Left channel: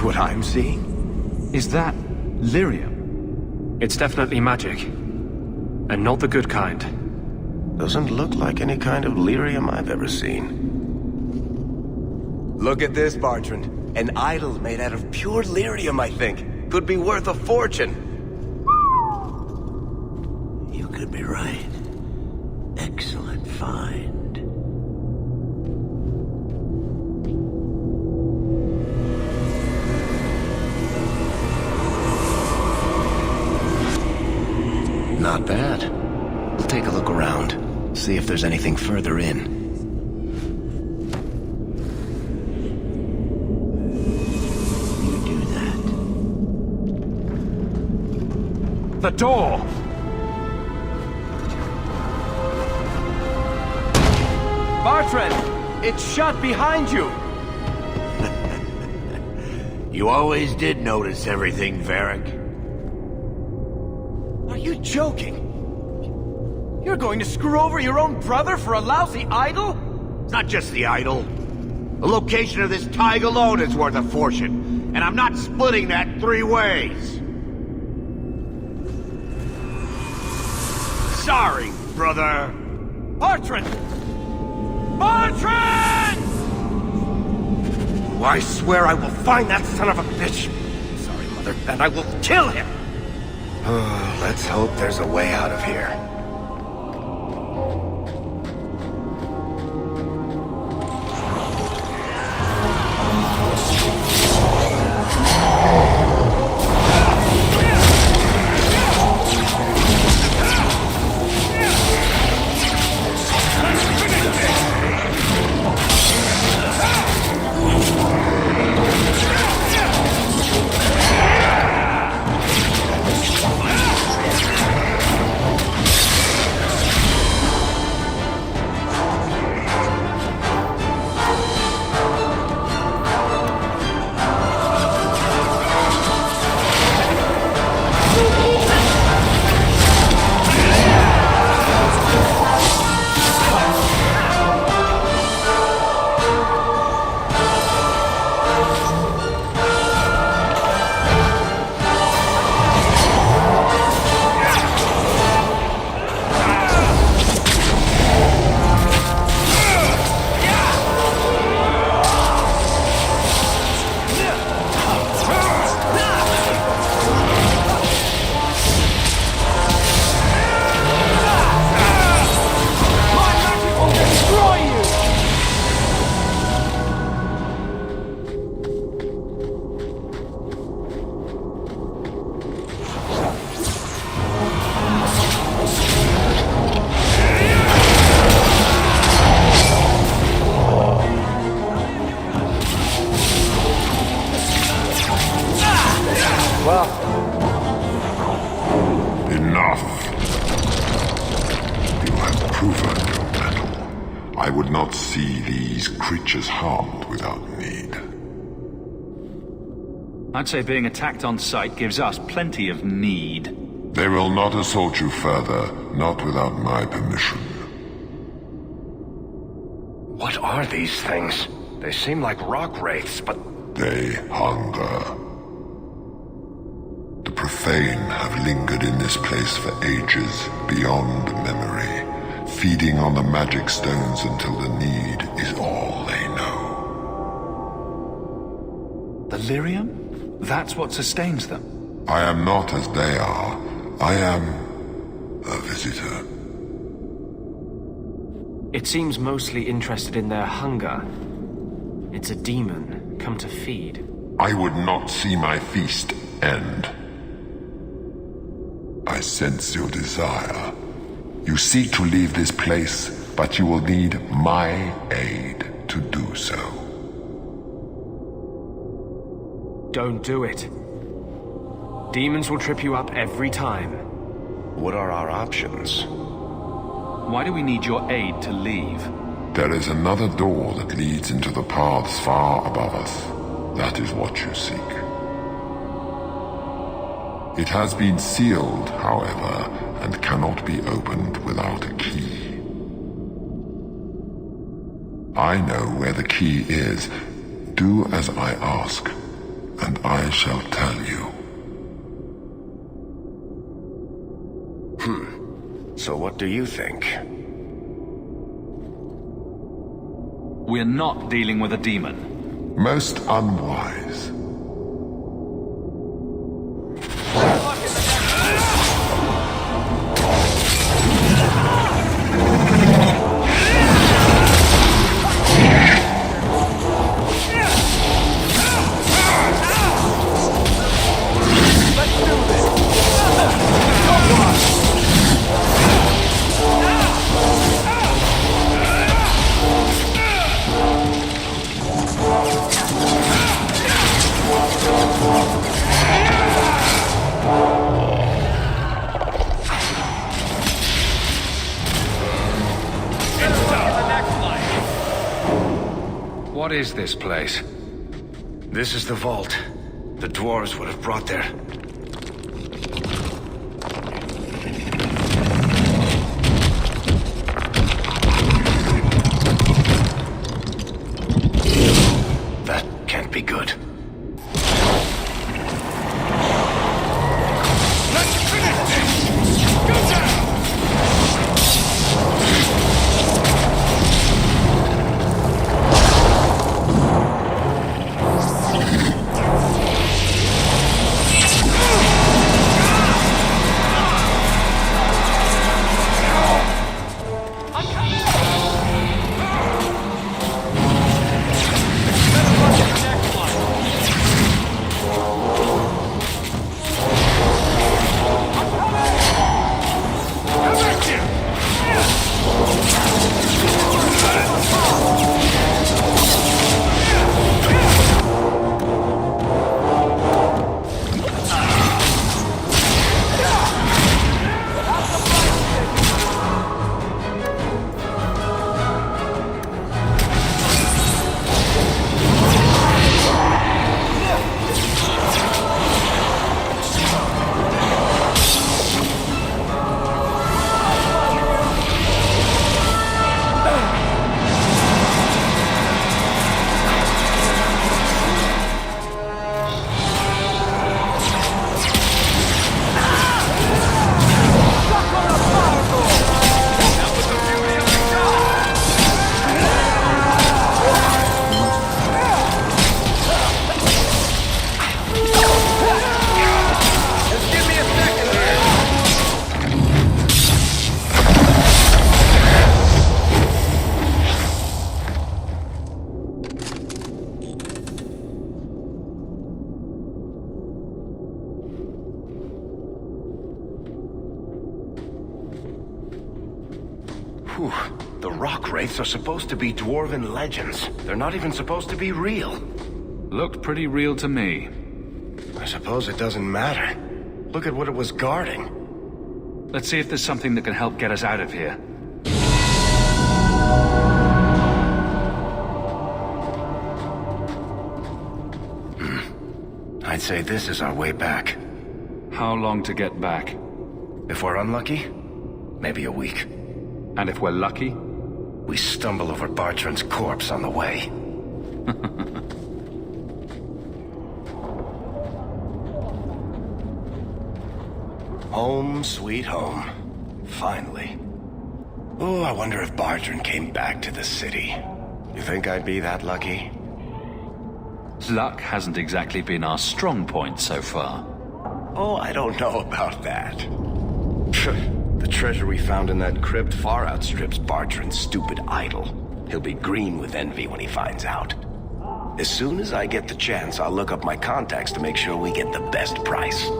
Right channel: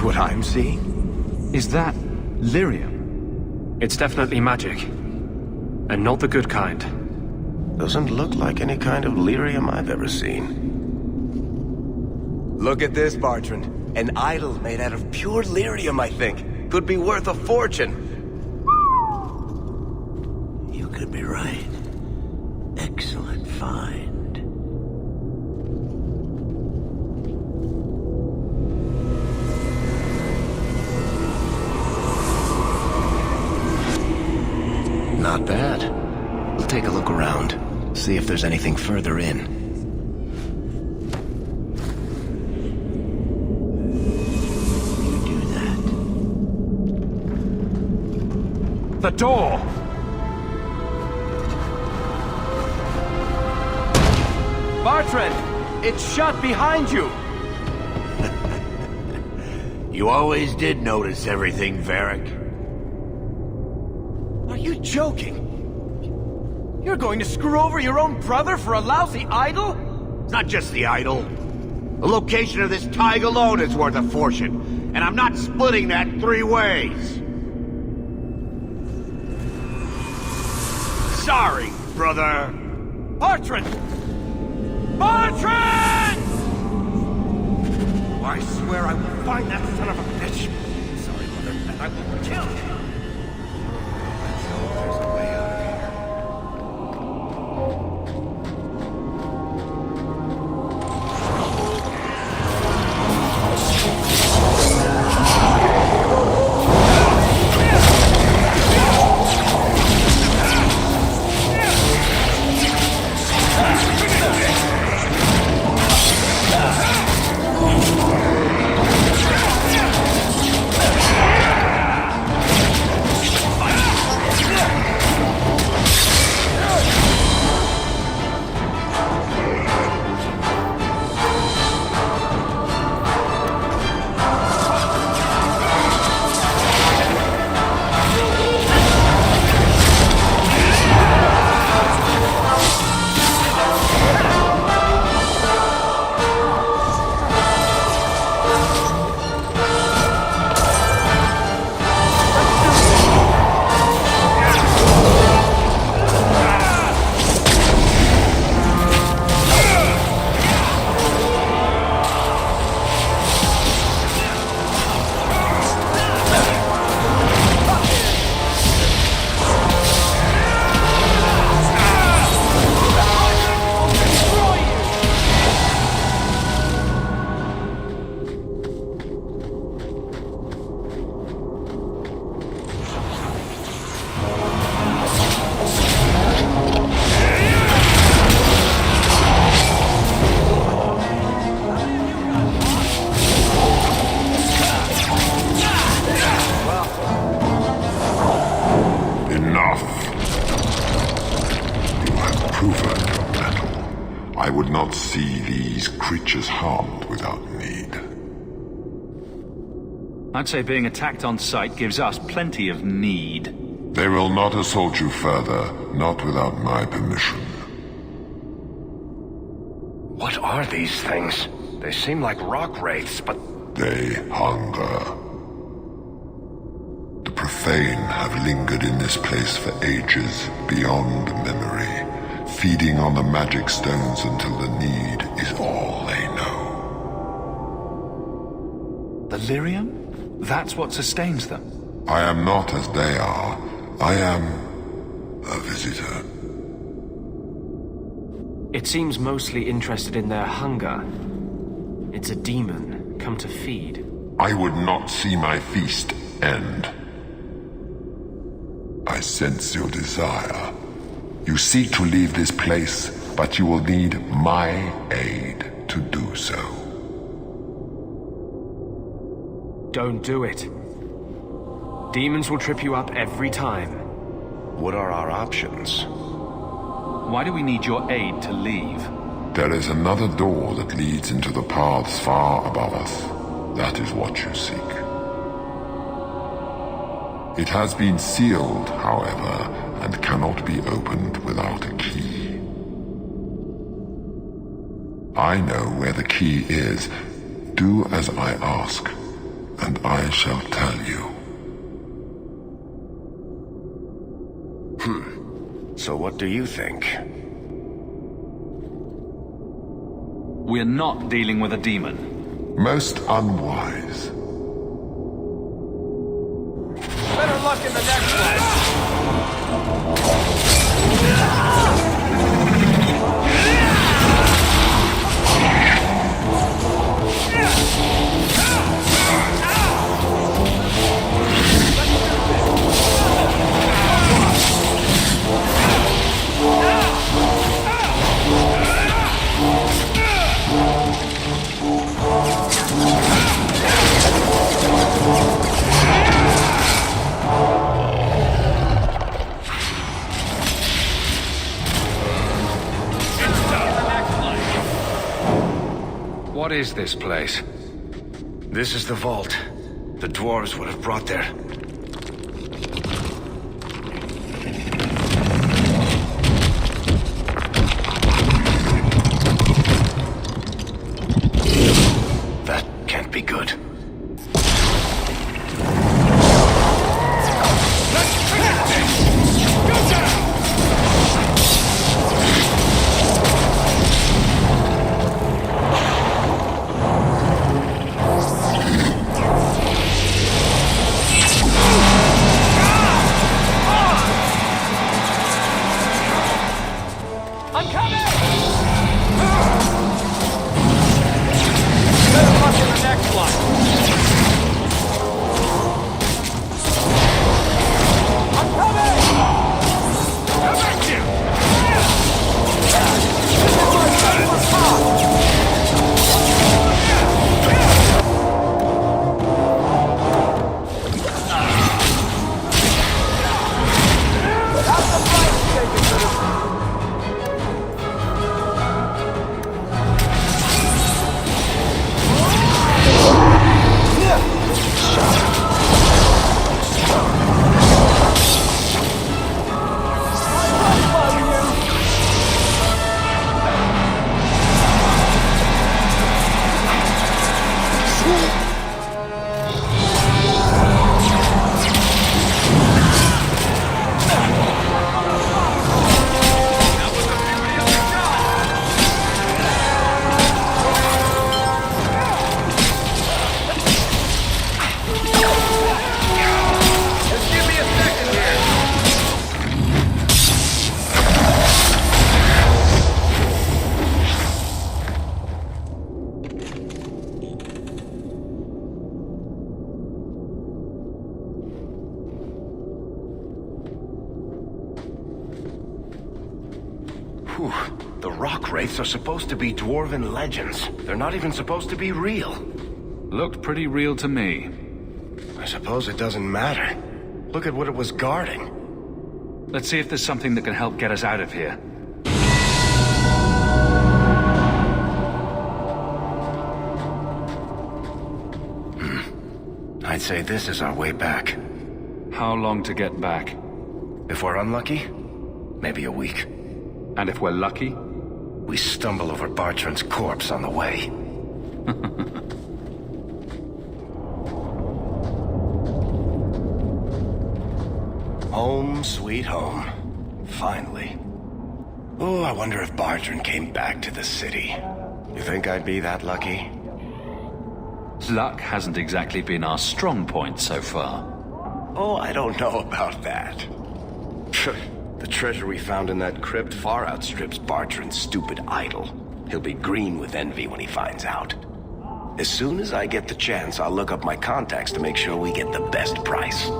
see what I'm seeing? Is that Lyrium? It's definitely magic. And not the good kind. Doesn't look like any kind of lyrium I've ever seen. Look at this, Bartrand. An idol made out of pure lyrium, I think. Could be worth a fortune. You could be right. Excellent find. Not bad. We'll take a look around. See if there's anything further in. The door! Bartrand! It's shut behind you! You always did notice everything, Varric. Are you joking? You're going to screw over your own brother for a lousy idol? It's not just the idol. The location of this tag alone is worth a fortune, and I'm not splitting that 3 ways. Sorry, brother. Bartrand! Bartrand! I swear I will find that son of a bitch. Sorry, Mother, and I will kill him. Oh, let's hope there's a way out of here. Enough! You have proven your mettle. I would not see these creatures harmed without need. I'd say being attacked on sight gives us plenty of need. They will not assault you further, not without my permission. What are these things? They seem like rock wraiths, but... They hunger. The profane have lingered in this place for ages, beyond memory, feeding on the magic stones until the need is all they know. The Lyrium? That's what sustains them. I am not as they are. I am a visitor. It seems mostly interested in their hunger. It's a demon, come to feed. I would not see my feast end. I sense your desire. You seek to leave this place, but you will need my aid to do so. Don't do it. Demons will trip you up every time. What are our options? Why do we need your aid to leave? There is another door that leads into the paths far above us. That is what you seek. It has been sealed, however, and cannot be opened without a key. I know where the key is. Do as I ask, and I shall tell you. So what do you think? We're not dealing with a demon. Most unwise. What is this place? This is the vault. The dwarves would have brought there. That can't be good. Let's finish this! Go down! Whew. The rock wraiths are supposed to be dwarven legends. They're not even supposed to be real. Looked pretty real to me. I suppose it doesn't matter. Look at what it was guarding. Let's see if there's something that can help get us out of here. I'd say this is our way back. How long to get back? If we're unlucky, maybe a week. And if we're lucky? We stumble over Bartrand's corpse on the way. Home, sweet home. Finally. Oh, I wonder if Bartrand came back to the city. You think I'd be that lucky? Luck hasn't exactly been our strong point so far. Oh, I don't know about that. The treasure we found in that crypt far outstrips Bartrand's stupid idol. He'll be green with envy when he finds out. As soon as I get the chance, I'll look up my contacts to make sure we get the best price.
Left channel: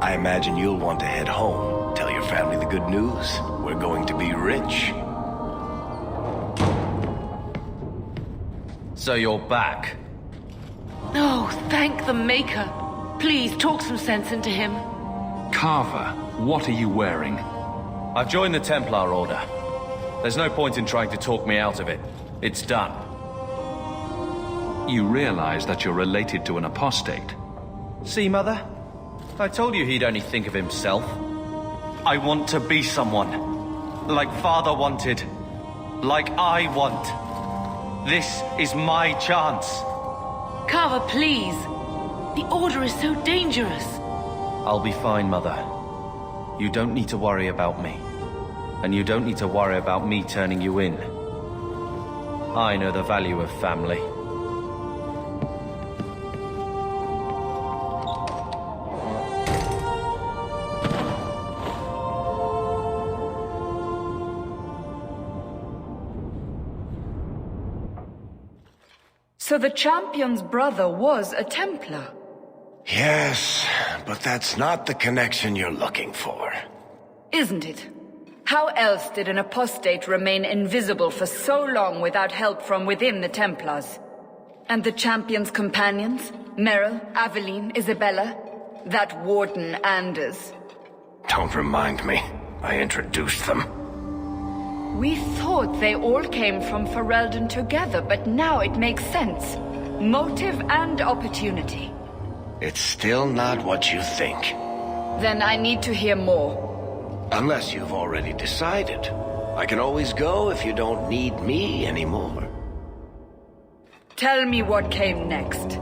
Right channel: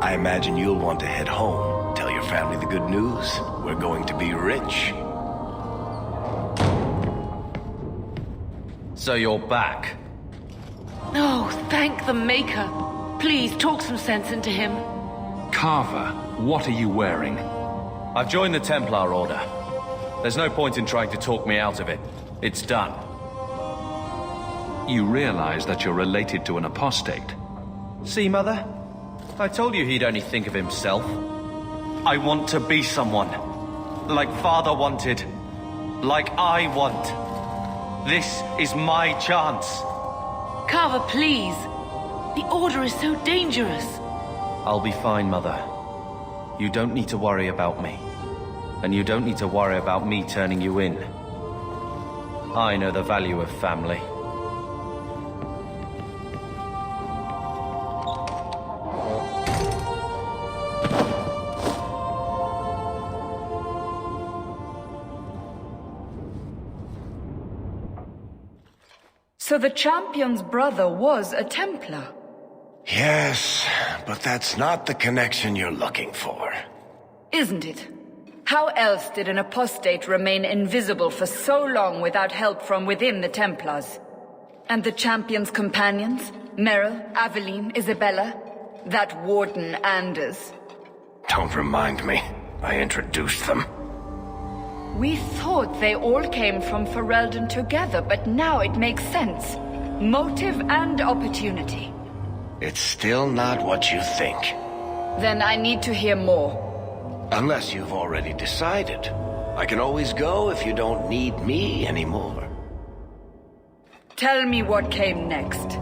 I imagine you'll want to head home, tell your family the good news. We're going to be rich. So you're back? Oh, thank the Maker. Please, talk some sense into him. Carver, what are you wearing? I've joined the Templar Order. There's no point in trying to talk me out of it. It's done. You realize that you're related to an apostate. See, Mother? I told you he'd only think of himself. I want to be someone. Like Father wanted. Like I want. This is my chance. Carver, please. The Order is so dangerous. I'll be fine, Mother. You don't need to worry about me. And you don't need to worry about me turning you in. I know the value of family. So the Champion's brother was a Templar? Yes, but that's not the connection you're looking for. Isn't it? How else did an apostate remain invisible for so long without help from within the Templars? And the Champion's companions? Merrill, Aveline, Isabella? That Warden Anders? Don't remind me. I introduced them. We thought they all came from Ferelden together, but now it makes sense. Motive and opportunity. It's still not what you think. Then I need to hear more. Unless you've already decided. I can always go if you don't need me anymore. Tell me what came next.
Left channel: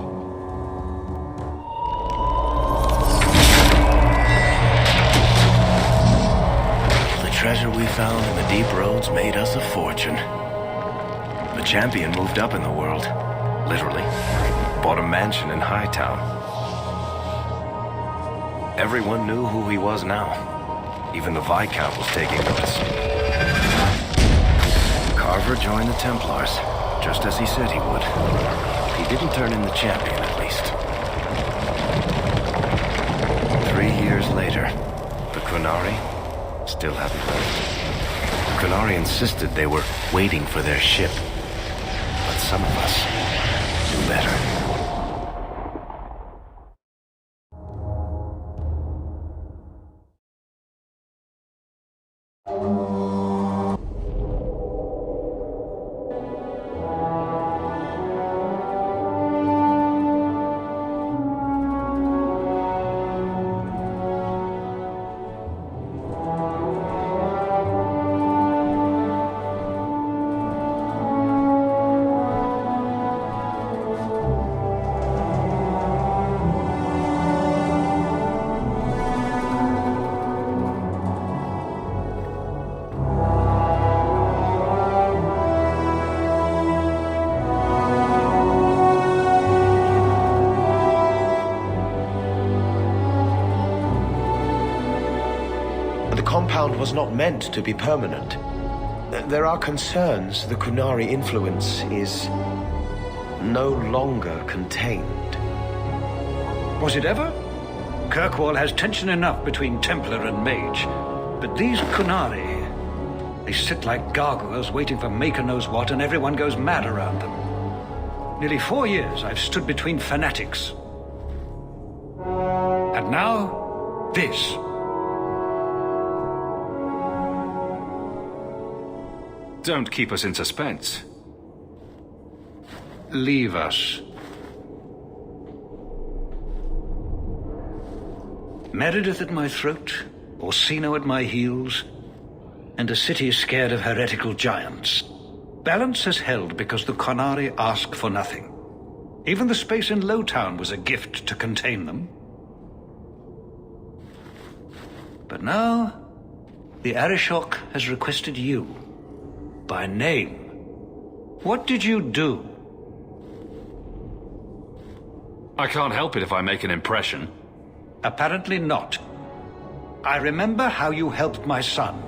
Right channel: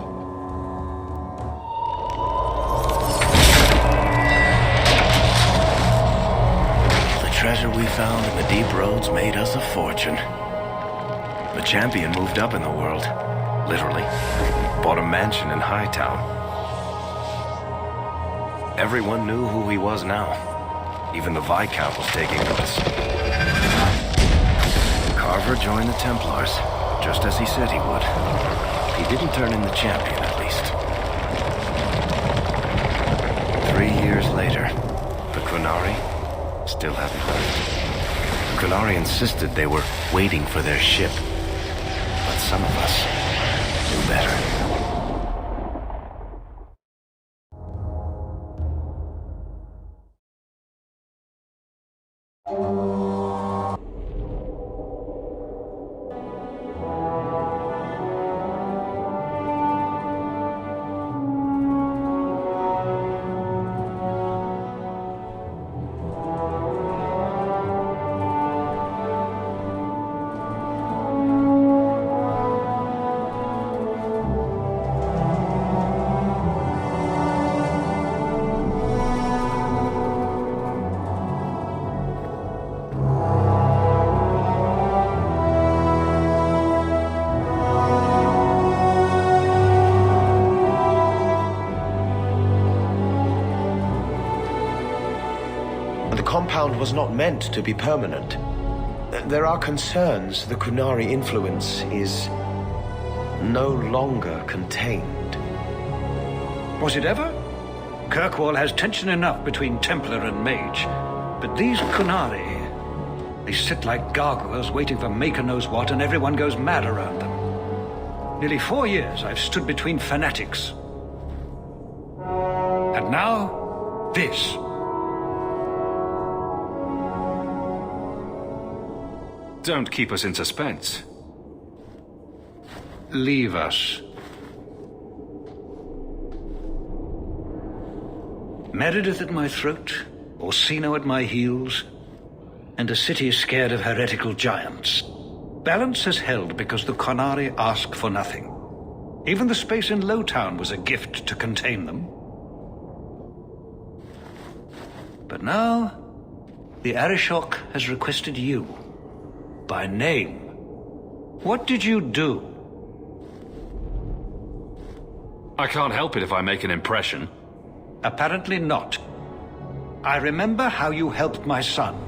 The treasure we found in the deep roads made us a fortune. The Champion moved up in the world. Literally. Bought a mansion in Hightown. Everyone knew who he was now. Even the Viscount was taking notice. Carver joined the Templars, just as he said he would. He didn't turn in the Champion, at least. 3 years later, the Qunari still hadn't left. The Qunari insisted they were waiting for their ship. But some of us knew better. The compound was not meant to be permanent. There are concerns the Qunari influence is no longer contained. Was it ever? Kirkwall has tension enough between Templar and Mage. But these Qunari, they sit like gargoyles waiting for Maker knows what, and everyone goes mad around them. Nearly 4 years I've stood between fanatics. And now, this. Don't keep us in suspense. Leave us. Meredith at my throat, Orsino at my heels, and a city scared of heretical giants. Balance has held because the Qunari ask for nothing. Even the space in Lowtown was a gift to contain them. But now, the Arishok has requested you. By name. What did you do? I can't help it if I make an impression. Apparently not. I remember how you helped my son.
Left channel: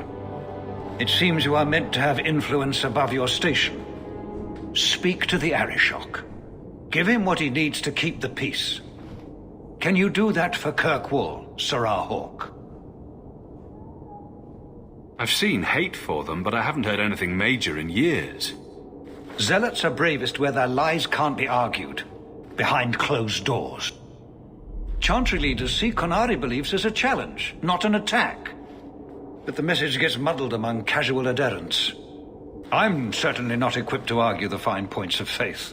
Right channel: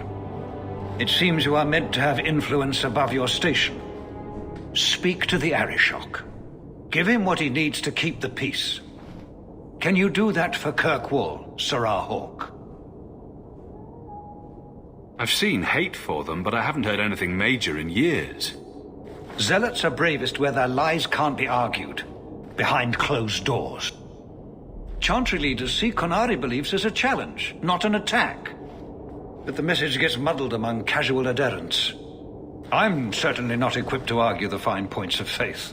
It seems you are meant to have influence above your station. Speak to the Arishok. Give him what he needs to keep the peace. Can you do that for Kirkwall, Sirrah Hawke? I've seen hate for them, but I haven't heard anything major in years. Zealots are bravest where their lies can't be argued, behind closed doors. Chantry leaders see Qunari beliefs as a challenge, not an attack. But the message gets muddled among casual adherents. I'm certainly not equipped to argue the fine points of faith.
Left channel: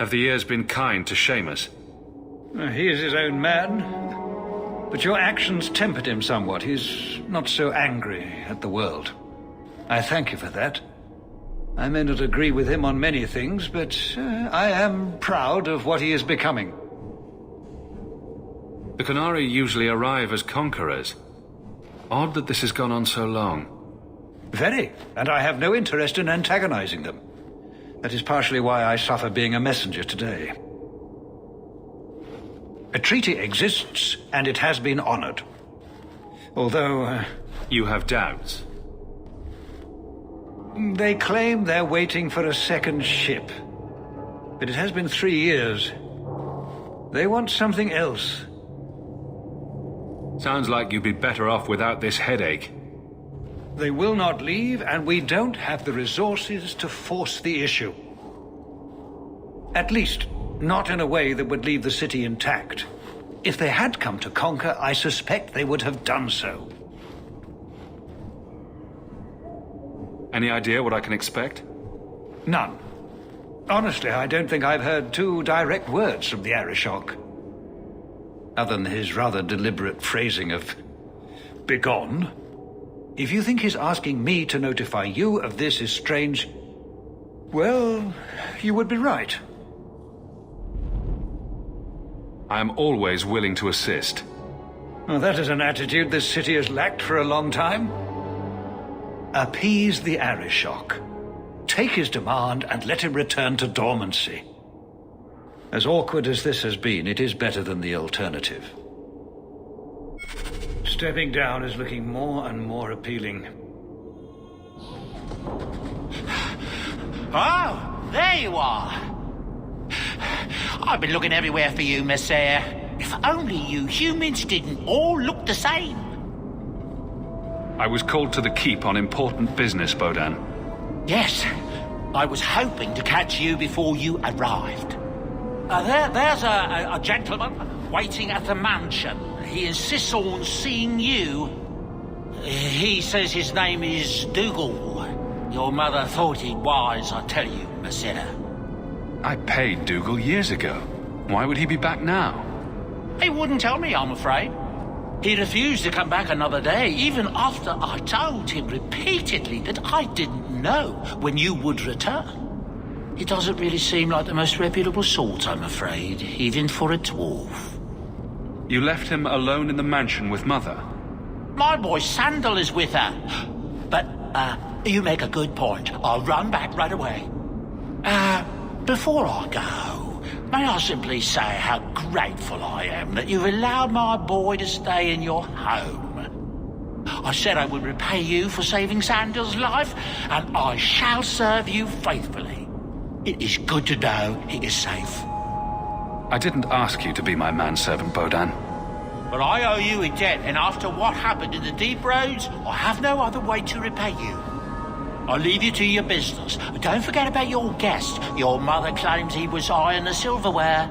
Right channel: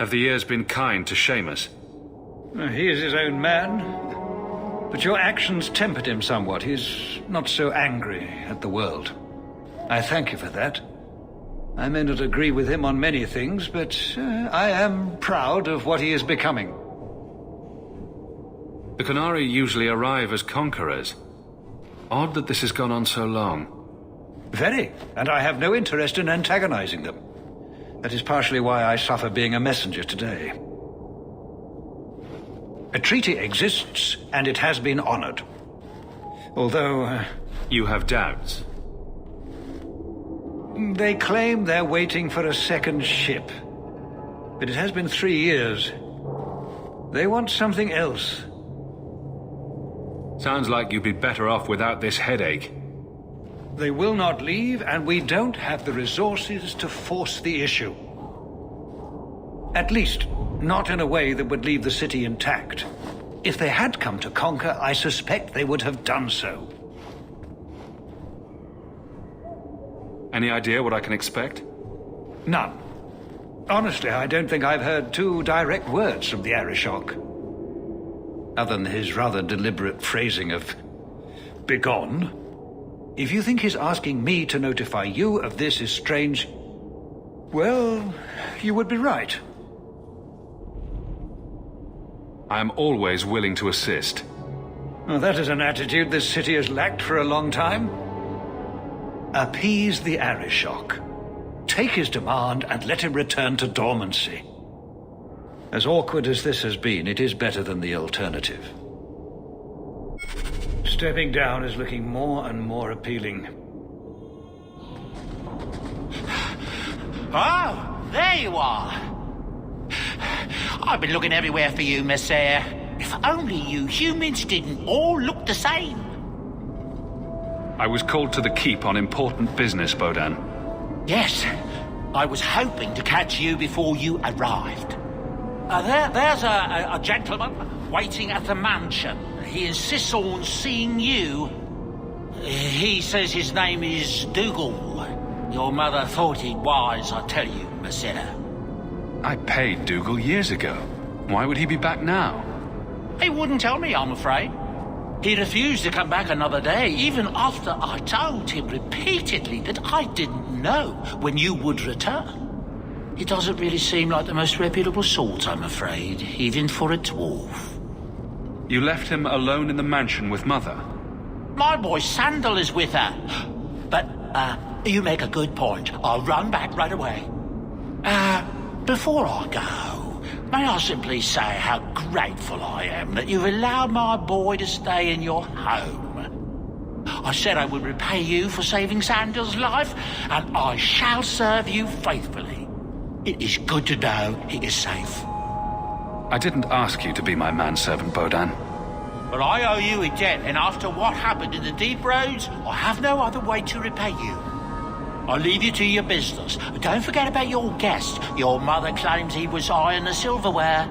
Have the years been kind to Seamus? He is his own man. But your actions tempered him somewhat. He's not so angry at the world. I thank you for that. I may not agree with him on many things, but I am proud of what he is becoming. The Qunari usually arrive as conquerors. Odd that this has gone on so long. Very, and I have no interest in antagonizing them. That is partially why I suffer being a messenger today. A treaty exists, and it has been honored. Although... You have doubts? They claim they're waiting for a second ship. But it has been 3 years. They want something else. Sounds like you'd be better off without this headache. They will not leave, and we don't have the resources to force the issue. At least, not in a way that would leave the city intact. If they had come to conquer, I suspect they would have done so. Any idea what I can expect? None. Honestly, I don't think I've heard 2 direct words from the Arishok. Other than his rather deliberate phrasing of "begone." If you think his asking me to notify you of this is strange, well, you would be right. I am always willing to assist. Well, that is an attitude this city has lacked for a long time. Appease the Arishok. Take his demand and let him return to dormancy. As awkward as this has been, it is better than the alternative. Stepping down is looking more and more appealing. Oh, there you are. I've been looking everywhere for you, Messiah. If only you humans didn't all look the same. I was called to the keep on important business, Bodan. Yes, I was hoping to catch you before you arrived. There's a gentleman waiting at the mansion. He insists on seeing you. He says his name is Dougal. Your mother thought it wise, I tell you, Messiah. I paid Dougal years ago. Why would he be back now? He wouldn't tell me, I'm afraid. He refused to come back another day, even after I told him repeatedly that I didn't know when you would return. He doesn't really seem like the most reputable sort, I'm afraid, even for a dwarf. You left him alone in the mansion with Mother? My boy Sandal is with her. But, you make a good point. I'll run back right away. Before I go, may I simply say how grateful I am that you've allowed my boy to stay in your home. I said I would repay you for saving Sandal's life, and I shall serve you faithfully. It is good to know he is safe. I didn't ask you to be my manservant, Bodan. But I owe you a debt, and after what happened in the Deep Roads, I have no other way to repay you. I'll leave you to your business. Don't forget about your guest. Your mother claims he was eyeing the silverware.